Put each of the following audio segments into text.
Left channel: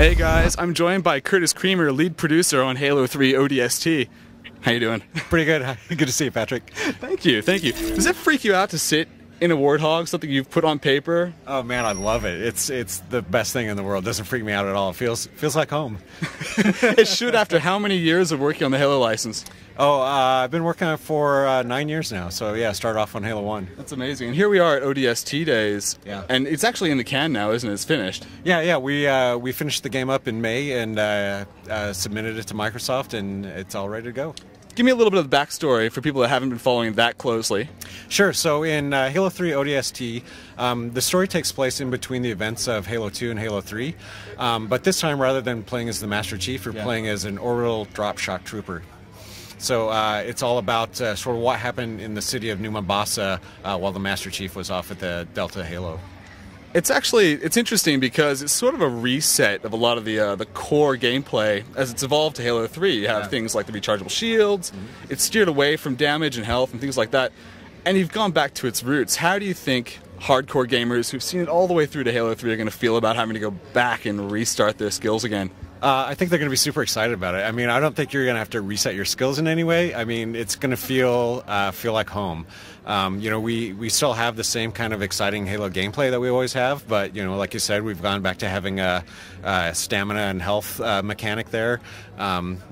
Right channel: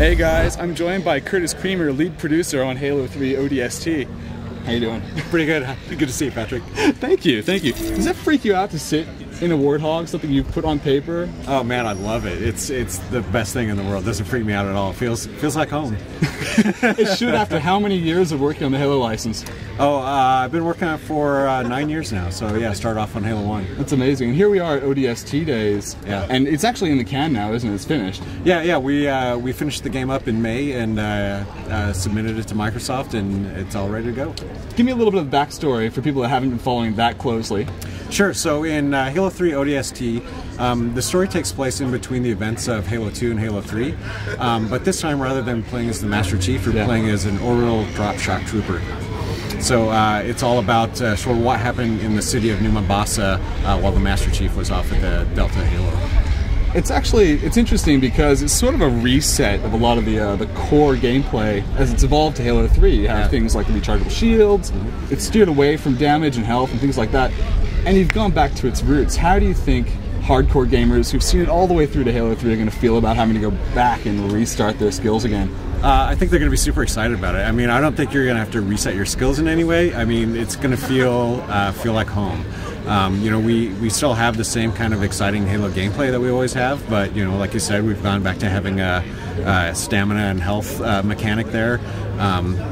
Hey guys, I'm joined by Curtis Creamer, lead producer on Halo 3 ODST. How you doing? Pretty good. Good to see you, Patrick. Thank you, thank you. Does it freak you out to sit in a Warthog, something you've put on paper? Oh man, I love it. It's the best thing in the world. It doesn't freak me out at all. It feels like home. It should, after how many years of working on the Halo license? Oh, I've been working on it for 9 years now. So yeah, started off on Halo 1. That's amazing. And here we are at ODST days. Yeah. And it's actually in the can now, isn't it? It's finished. Yeah. We finished the game up in May and submitted it to Microsoft, and it's all ready to go. Give me a little bit of the backstory for people that haven't been following that closely. Sure. So in Halo 3 ODST, the story takes place in between the events of Halo 2 and Halo 3, but this time rather than playing as the Master Chief, you're playing as an orbital drop shock trooper. So it's all about sort of what happened in the city of New Mombasa while the Master Chief was off at the Delta Halo. It's interesting because it's sort of a reset of a lot of the core gameplay as it's evolved to Halo 3. You have things like the rechargeable shields, it's steered away from damage and health and things like that, and you've gone back to its roots. How do you think hardcore gamers who've seen it all the way through to Halo 3 are going to feel about having to go back and restart their skills again? I think they're going to be super excited about it. I mean, I don't think you're going to have to reset your skills in any way. I mean, it's going to feel like home. You know, we still have the same kind of exciting Halo gameplay that we always have, but you know, like you said, we've gone back to having a stamina and health mechanic there.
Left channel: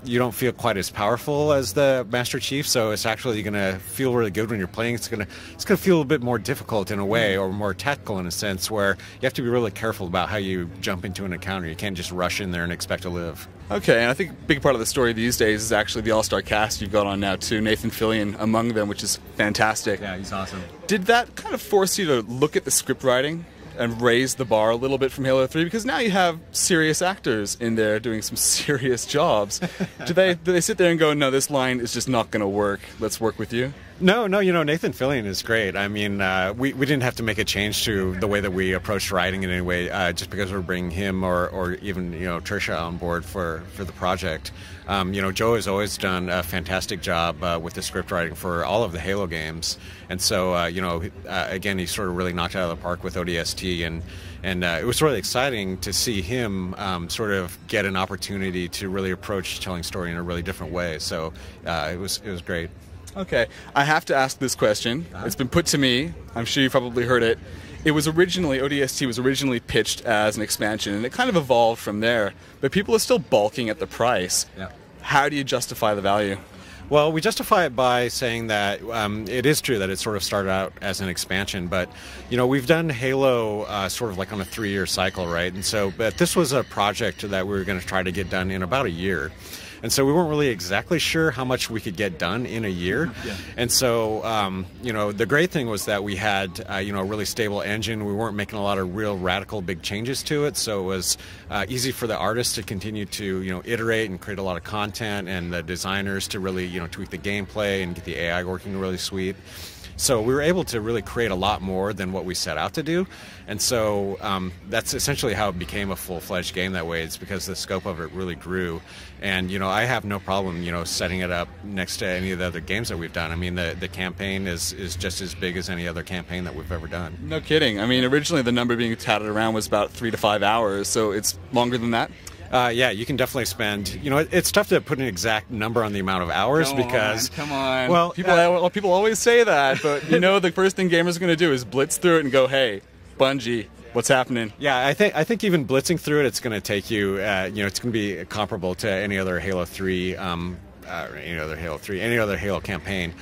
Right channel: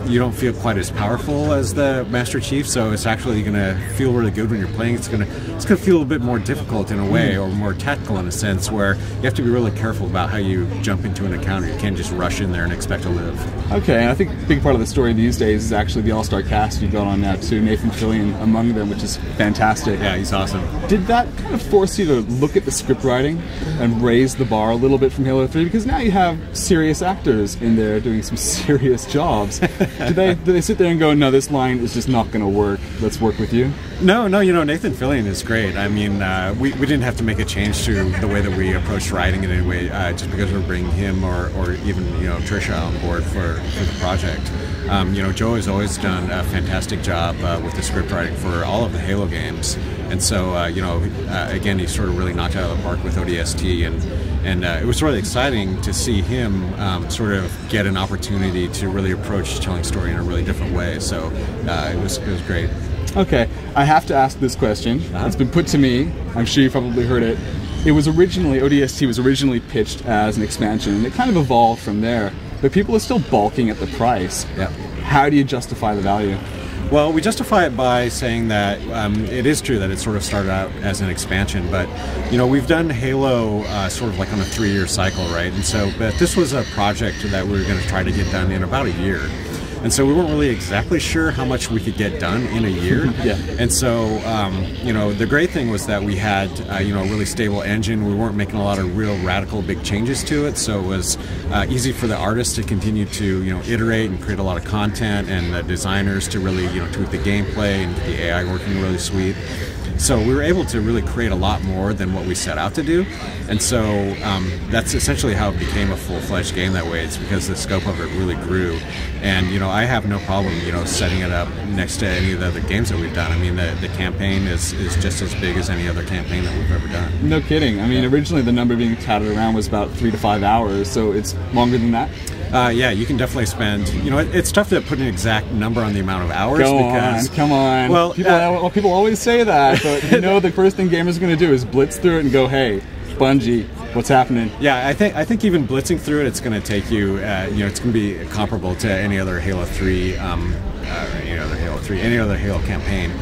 You don't feel quite as powerful as the Master Chief, so it's actually going to feel really good when you're playing. It's going to feel a little bit more difficult in a way, or more tactical in a sense, where you have to be really careful about how you jump into an encounter. You can't just rush in there and expect to live. Okay, and I think a big part of the story these days is actually the all-star cast you've got on now too, Nathan Fillion among them, which is fantastic. Yeah, he's awesome. Did that kind of force you to look at the script writing and raise the bar a little bit from Halo 3? Because now you have serious actors in there doing some serious jobs. Do they sit there and go, no, this line is just not going to work, let's work with you? No, you know, Nathan Fillion is great. I mean, we didn't have to make a change to the way that we approached writing in any way, just because we're bringing him or even, you know, Trisha on board for the project. You know, Joe has always done a fantastic job with the script writing for all of the Halo games. And so, you know, again, he sort of really knocked it out of the park with ODST, and it was really exciting to see him sort of get an opportunity to really approach telling story in a really different way. So it was great. Okay, I have to ask this question. It's been put to me. I'm sure you probably heard it. It was originally, ODST was originally pitched as an expansion, and it kind of evolved from there. But people are still balking at the price. Yeah. How do you justify the value? Well, we justify it by saying that it is true that it sort of started out as an expansion, but you know, we've done Halo sort of like on a 3-year cycle, right? And so, but this was a project that we were going to try to get done in about a year. And so we weren't really exactly sure how much we could get done in a year. Yeah. And so, you know, the great thing was that we had, you know, a really stable engine. We weren't making a lot of real radical big changes to it. So it was easy for the artists to continue to, you know, iterate and create a lot of content, and the designers to really, you know, tweak the gameplay and get the AI working really sweet. So we were able to really create a lot more than what we set out to do. And so that's essentially how it became a full-fledged game that way. It's because the scope of it really grew. And, you know, I have no problem, you know, setting it up next to any of the other games that we've done. I mean, the campaign is just as big as any other campaign that we've ever done. No kidding. I mean, originally the number being touted around was about 3 to 5 hours, so it's longer than that? Yeah, you can definitely spend, you know, it's tough to put an exact number on the amount of hours Come on. Well, people always say that, but you know, the first thing gamers are going to do is blitz through it and go, hey, Bungie, what's happening? Yeah, I think even blitzing through it, it's going to take you, you know, it's going to be comparable to any other Halo 3, any other Halo campaign.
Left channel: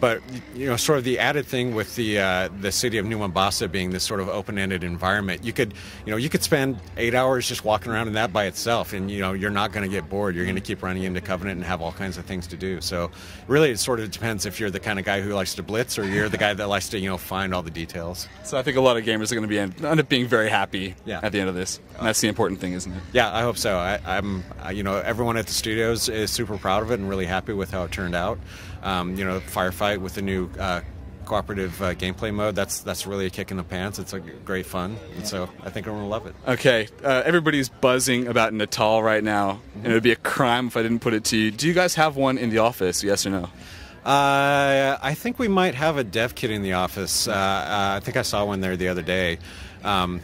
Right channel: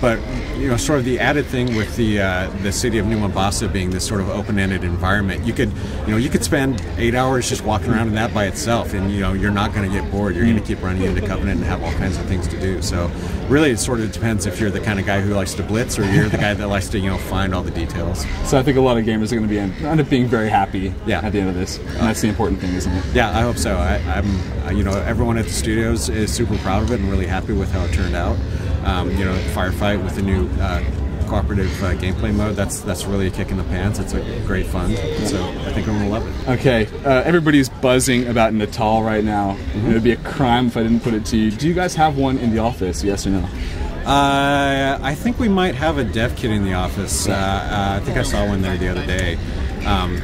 But you know, sort of the added thing with the city of New Mombasa being this sort of open-ended environment, you could spend 8 hours just walking around in that by itself, and you know, you're not going to get bored. You're going to keep running into Covenant and have all kinds of things to do. So really, it sort of depends if you're the kind of guy who likes to blitz, or you're the guy that likes to, you know, find all the details. So I think a lot of gamers are going to end up being very happy at the end of this. And that's the important thing, isn't it? Yeah, I hope so. I'm you know, everyone at the studios is super proud of it and really happy with how it turned out. You know, Firefight with the new cooperative gameplay mode, that's really a kick in the pants. It's a great fun, so I think everyone will love it. Okay, everybody's buzzing about Natal right now, and it would be a crime if I didn't put it to you. Do you guys have one in the office, yes or no? I think we might have a dev kit in the office. I think I saw one there the other day.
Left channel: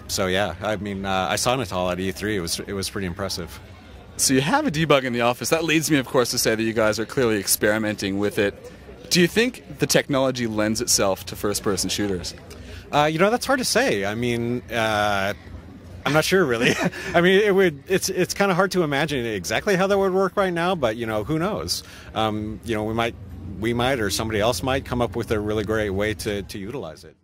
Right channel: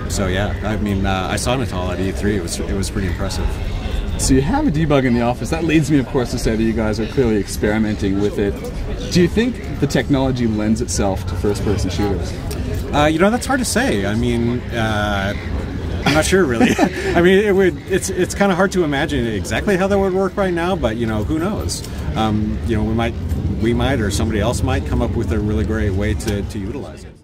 So yeah, I mean, I saw Natal at E3. It was pretty impressive. So you have a debug in the office. That leads me, of course, to say that you guys are clearly experimenting with it. Do you think the technology lends itself to first-person shooters? You know, that's hard to say. I mean, I'm not sure really. I mean, it's kind of hard to imagine exactly how that would work right now, but you know, who knows? You know, we might or somebody else might come up with a really great way to utilize it.